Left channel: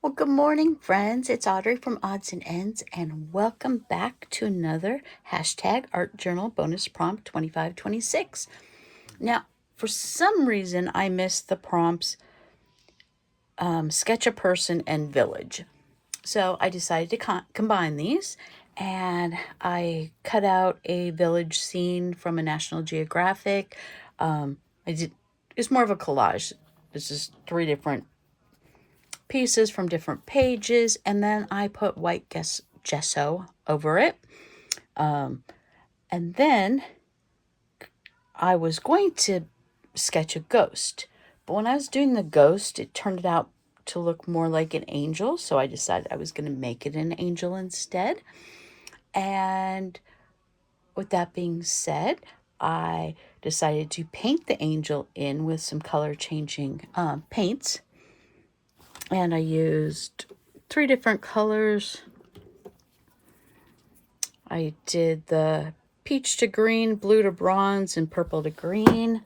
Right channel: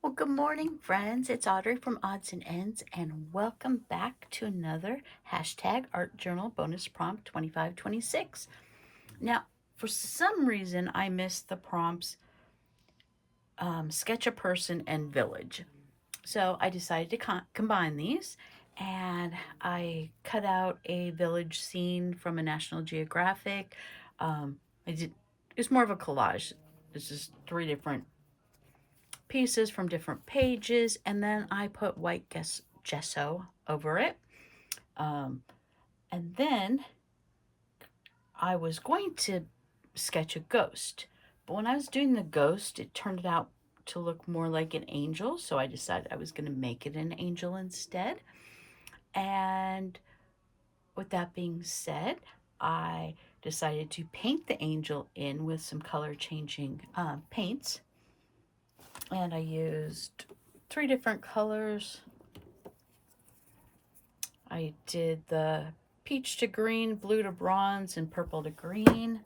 Well, good morning, friends. It's Audrey from Odds and Ends, and welcome back to another hashtag Art Journal bonus prompt 2526. Now, for some reason, I missed the prompts sketch a person and village. So I decided to combine these, and I cut out a village scene from a National Geographic. I did. It's more of a collage. It's just three different pieces from different pages, and then I put white gesso over it. And then I was going to sketch a ghost, but when I was doing the ghost, it turned out to look more like an angel, so I decided I was going to make it an angel instead. And with that being said, I decided to paint the angel in with some color changing paints, and I used three different colors. I did the peach to green, blue to bronze, and purple to green.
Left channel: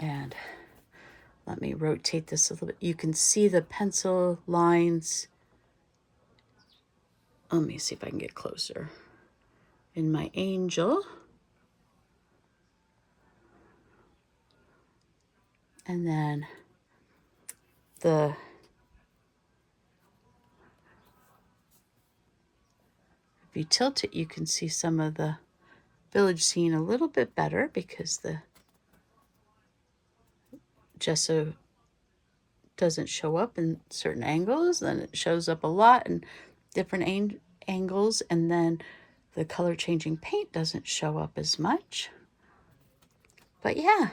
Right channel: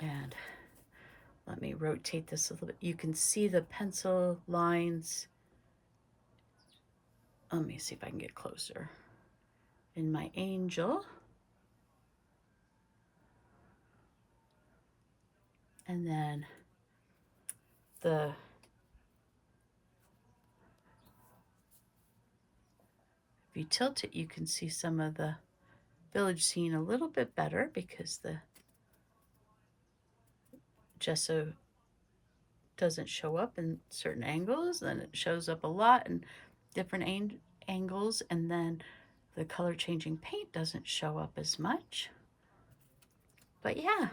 And let me rotate this a little bit. You can see the pencil lines. Let me see if I can get closer. In my angel. And then if you tilt it, you can see some of the village scene a little bit better because the gesso doesn't show up in certain angles. Then it shows up a lot in different angles, and then the color changing paint doesn't show up as much. But yeah,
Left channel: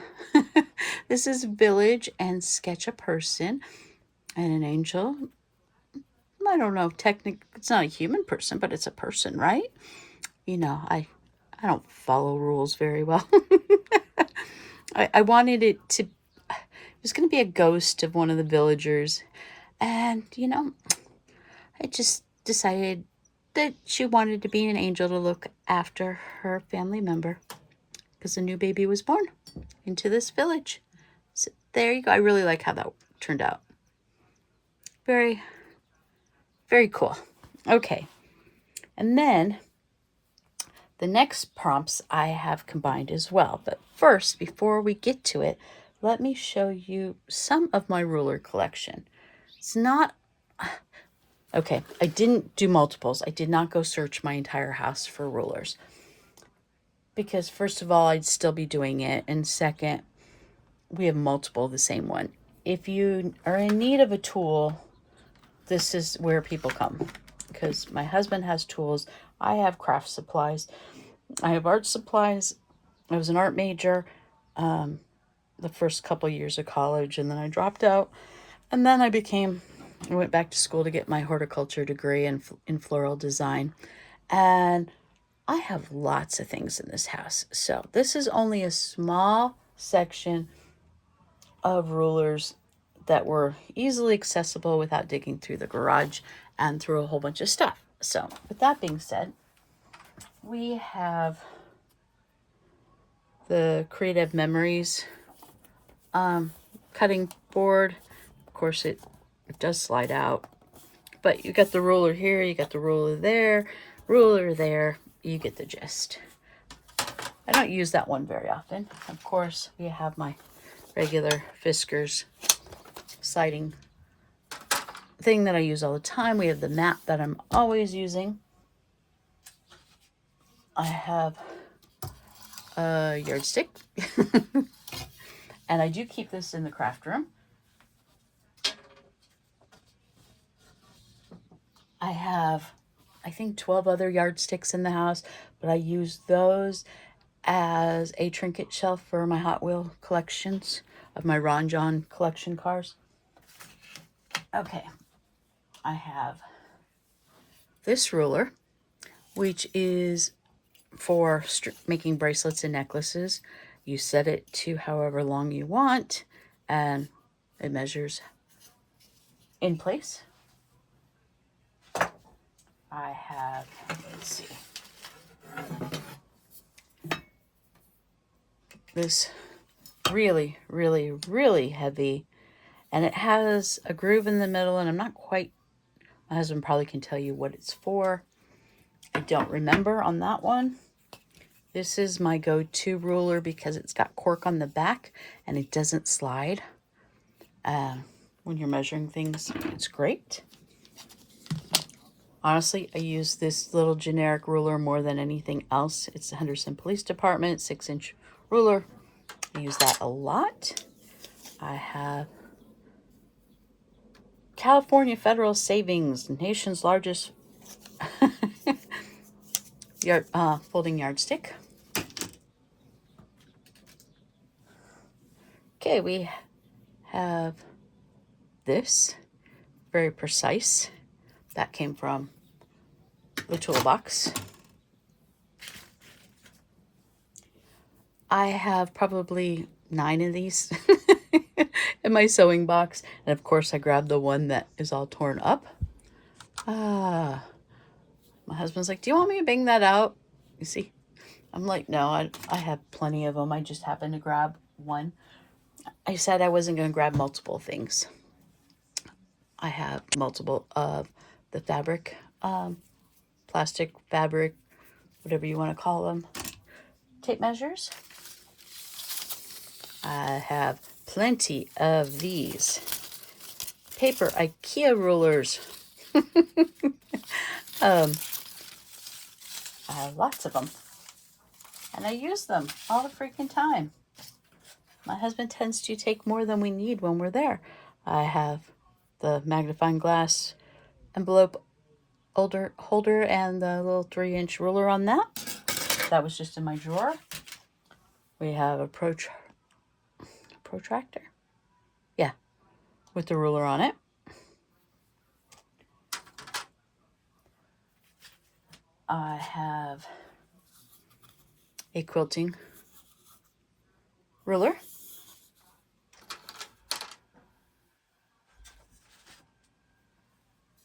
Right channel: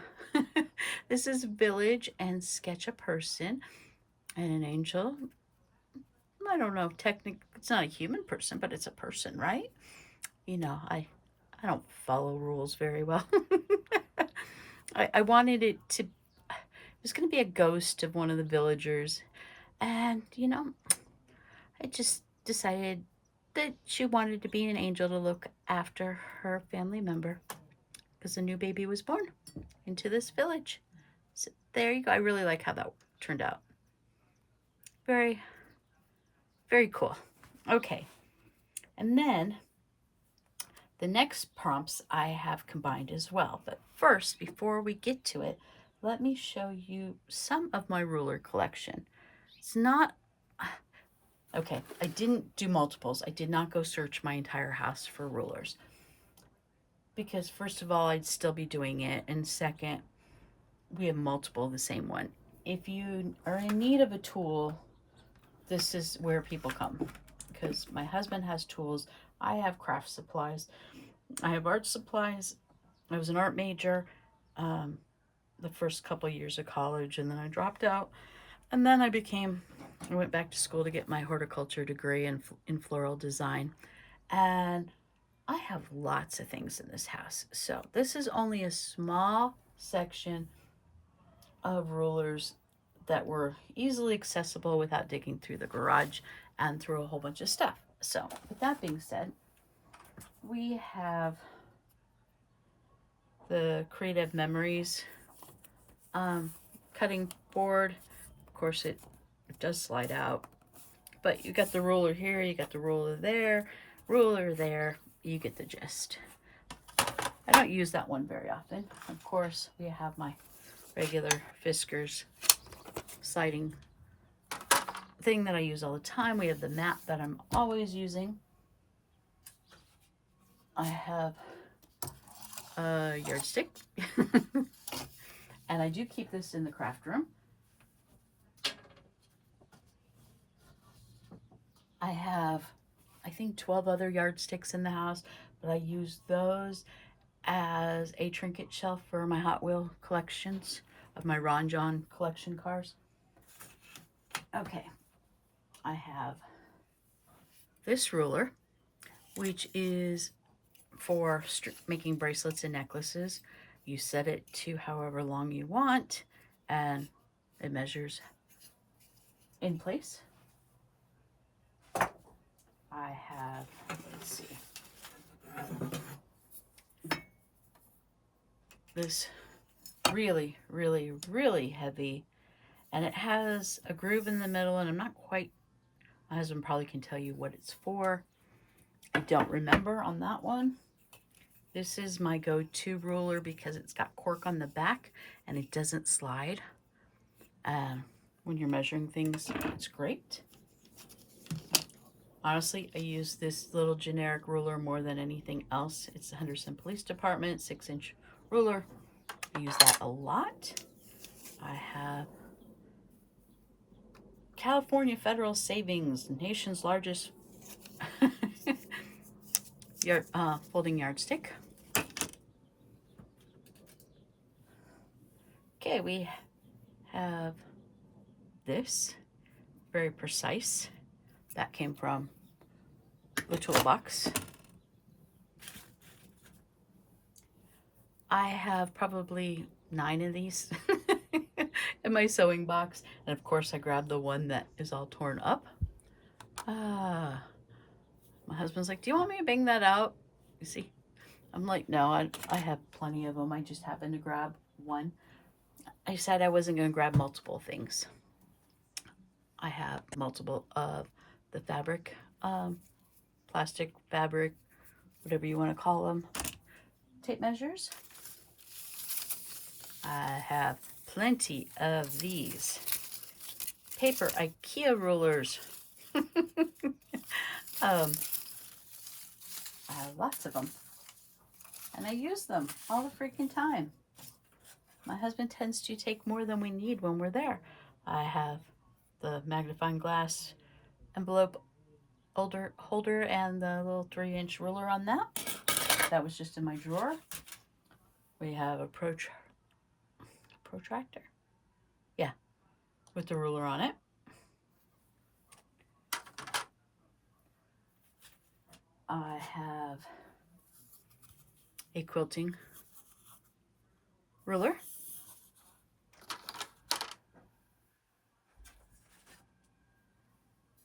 this is village and sketch a person and an angel. I don't know, technically it's not a human person, but it's a person, right? I don't follow rules very well. I wanted it was going to be a ghost of one of the villagers. And, I just decided that she wanted to be an angel to look after her family member because a new baby was born into this village. So there you go. I really like how that turned out. Very, very cool. Okay. And then the next prompts I have combined as well. But first, before we get to it, let me show you some of my ruler collection. It's not okay. I didn't do multiples. I did not go search my entire house for rulers because, first of all, I'd still be doing it. And second, we have multiple of the same one. If you are in need of a tool, this is where people come because my husband has tools. I have craft supplies. I have art supplies. I was an art major the first couple years of college, and then I dropped out. And then I went back to school to get my horticulture degree in floral design. And I have lots of things in this house. So this is only a small section of rulers that were easily accessible without digging through the garage and through a whole bunch of stuff. So with that being said, we have the Creative Memories cutting board. Of course, it does slide out. But you got the ruler here, you got the ruler there, you get the gist. I don't use that one very often. Of course, we have my regular Fiskars siding thing that I use all the time. We have the mat that I'm always using. I have a yardstick. And I do keep this in the craft room. I have, I think, 12 other yardsticks in the house, but I use those as a trinket shelf for my Hot Wheel collections of my Ron John collection cars. Okay, I have this ruler, which is for making bracelets and necklaces. You set it to however long you want, and it measures in place. I have, let's see, this really, really, really heavy And it has a groove in the middle, and I'm not quite, my husband probably can tell you what it's for. I don't remember on that one. This is my go-to ruler because it's got cork on the back and it doesn't slide. When you're measuring things, it's great. Honestly, I use this little generic ruler more than anything else. It's the Henderson Police Department 6-inch ruler. I use that a lot. I have California Federal Savings, nation's largest folding yardstick. Okay, we have this, very precise. That came from the toolbox. I have probably 9 of these in my sewing box. And of course I grabbed the one that is all torn up. My husband's like, do you want me to bang that out? You see? I'm like, no, I have plenty of them. I just happened to grab one. I said I wasn't going to grab multiple things. I have multiple of the fabric, plastic, fabric, whatever you want to call them, tape measures. I have plenty of these paper IKEA rulers. I have lots of them, and I use them all the freaking time. My husband tends to take more than we need when we're there. I have the magnifying glass envelope holder and the little 3-inch ruler on that. That was just in my drawer. We have a protractor. Yeah, with the ruler on it. I have a quilting ruler.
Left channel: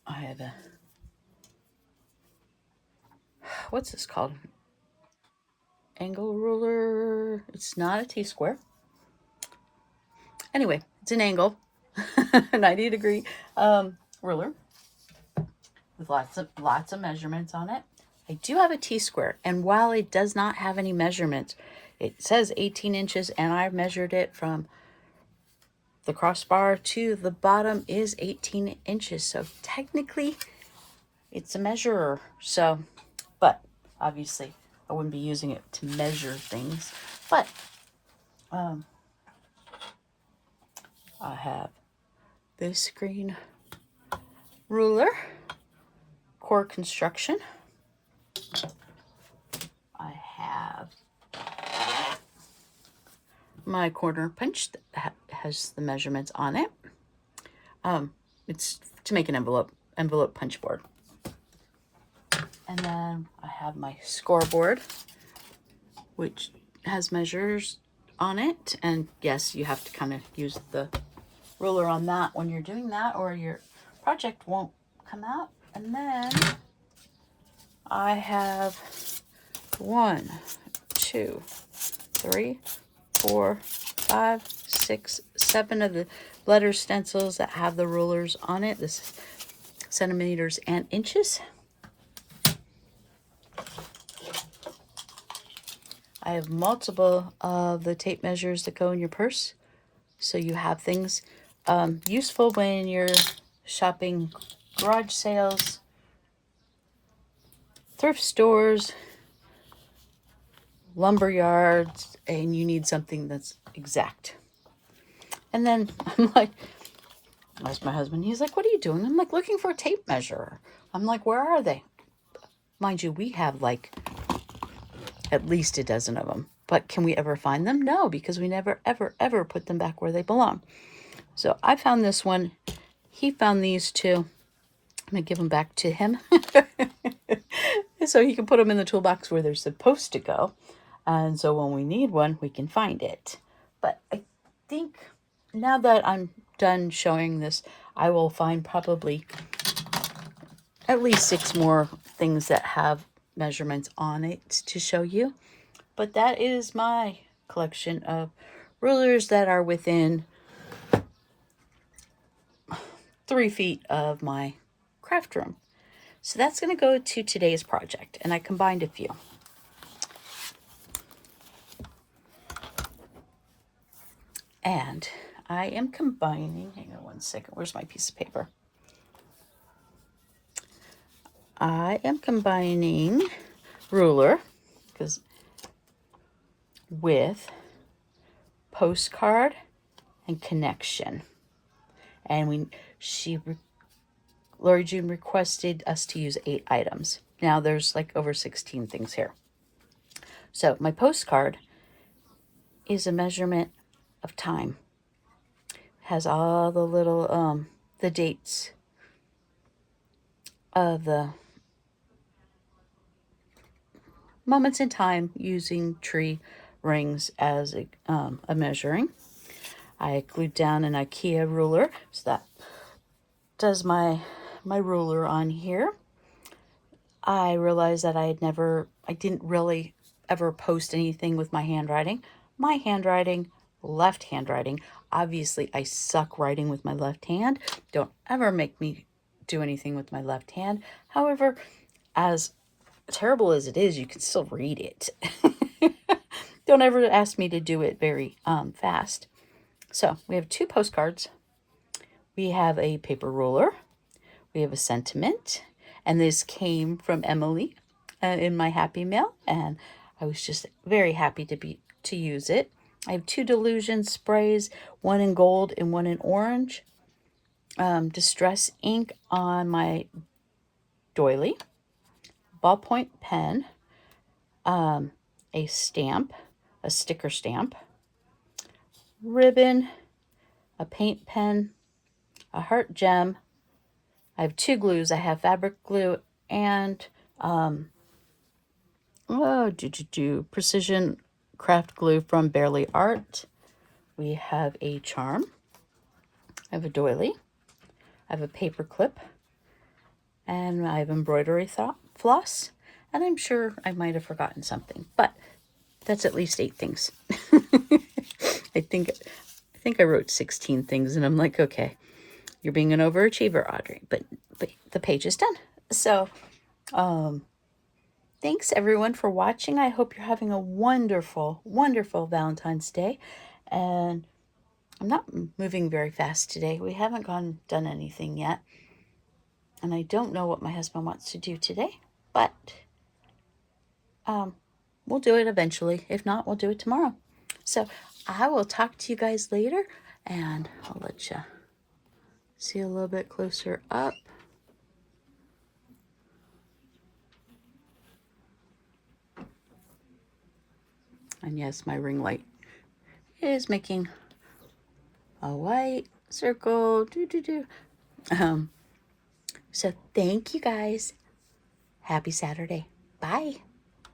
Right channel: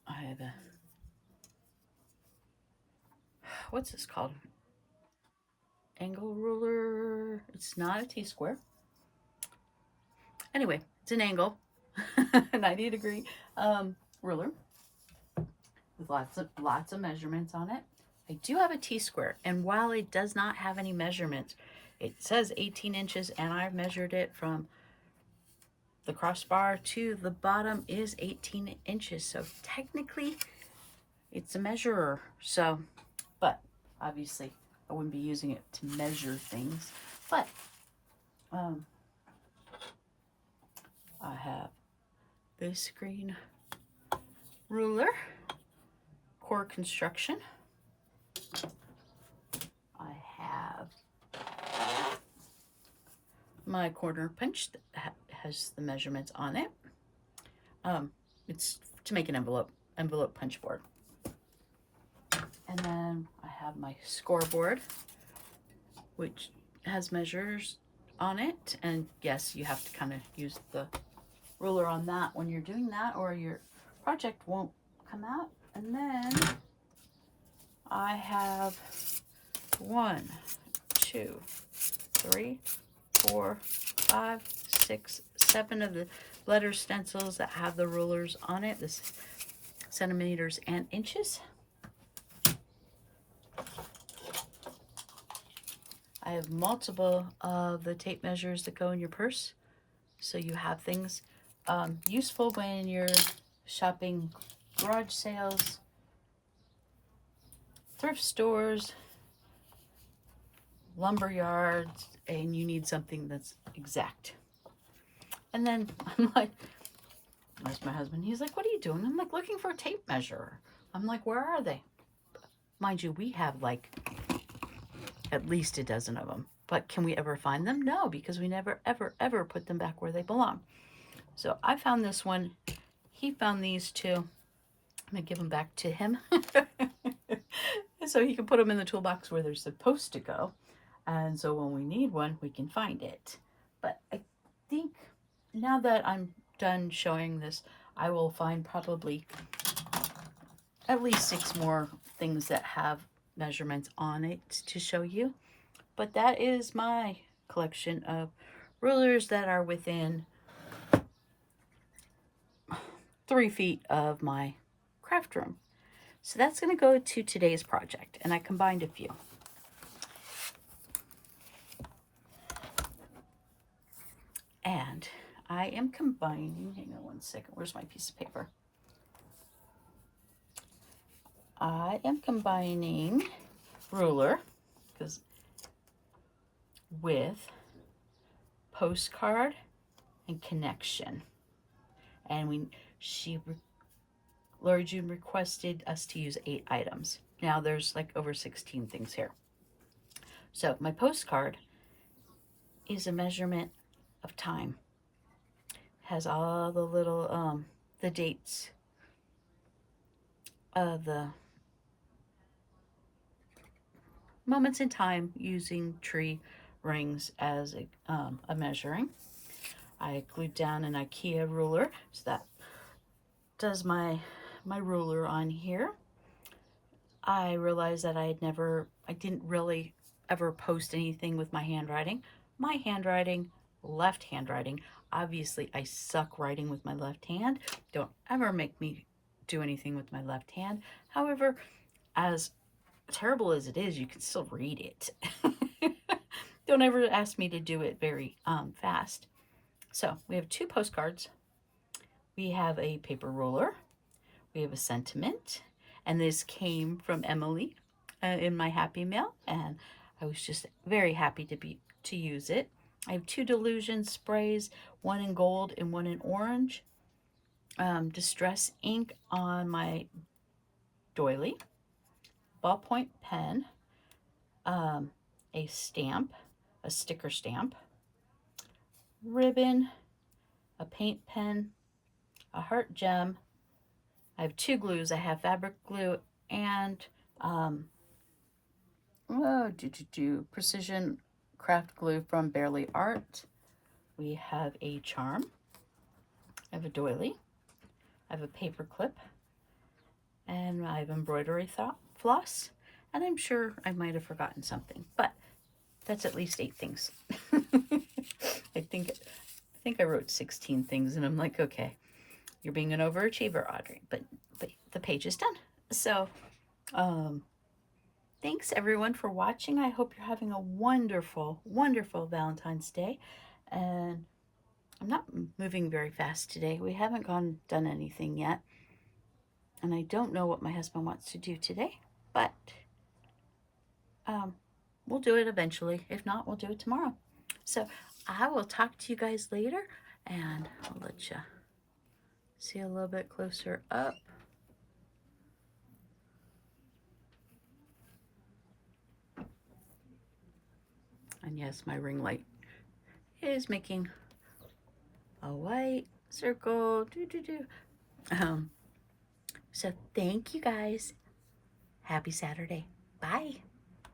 I have a, what's this called? Angle ruler. It's not a T-square. Anyway, it's an angle, 90-degree ruler with lots of measurements on it. I do have a T-square, and while it does not have any measurements, it says 18 inches, and I measured it from the crossbar to the bottom is 18 inches. So technically, it's a measurer. So, but obviously, I wouldn't be using it to measure things. But I have this green ruler, core construction. I have my corner punch that has the measurements on it. It's to make an envelope punch board. And then I have my scoreboard, which has measures on it. And yes, you have to kind of use the ruler on that when you're doing that, or your project won't come out. And then I have 1, 2, 3, 4, 5, 6, 7 of the letter stencils that have the rulers on it. This is centimeters and inches. I have multiple of the tape measures that go in your purse. So you have things useful when you're shopping garage sales, thrift stores, lumber yards, and you need something that's exact. And then I'm like, I asked my husband, he's like, what are you doing? I'm like, looking for a tape measure. I'm like, where are they? Mind you, we have like at least a dozen of them. But can we ever find them? No, because we never, ever, ever put them back where they belong. So I found this one. He found these two. I'm going to give them back to him. So he can put them in the toolbox where they're supposed to go. And so when we need one, we can find it. But I think now that I'm done showing this, I will find probably at least 6 more things that have measurements on it to show you. But that is my collection of rulers that are within 3 feet of my craft room. So that's going to go to today's project, and I combined a few. And I am combining, hang on one second, where's my piece of paper? I am combining ruler with postcard and connection. And Lori June requested us to use 8 items. Now there's like over 16 things here. So my postcard is a measurement of time. Has all the little the dates of the moments in time using tree rings as a measuring. I glued down an IKEA ruler, so that does my ruler on here. I realized that I didn't really ever post anything with my handwriting. My handwriting, left handwriting. Obviously, I suck writing with my left hand. Don't ever make me do anything with my left hand. However, as terrible as it is, you can still read it. Don't ever ask me to do it very fast. So we have 2 postcards. We have a paper ruler. We have a sentiment. And this came from Emily in my Happy Mail. And I was just very happy to use it. I have 2 Delusion sprays, one in gold and one in orange. Distress ink on my doily. Ballpoint pen. A stamp, a sticker stamp, ribbon, a paint pen, a heart gem. I have 2 glues. I have fabric glue and precision craft glue from Barely Art. We have a charm. I have a doily. I have a paper clip. And I have embroidery floss. And I'm sure I might have forgotten something, but that's at least 8 things. I think I wrote 16 things, and I'm like, okay, you're being an overachiever, Audrey, but the page is done. So, thanks everyone for watching. I hope you're having a wonderful, wonderful Valentine's Day. And I'm not moving very fast today. We haven't done anything yet. And I don't know what my husband wants to do today, but we'll do it eventually. If not, we'll do it tomorrow. So I will talk to you guys later, and I'll let you see a little bit closer up. And yes, my ring light is making a white circle. So thank you guys. Happy Saturday. Bye.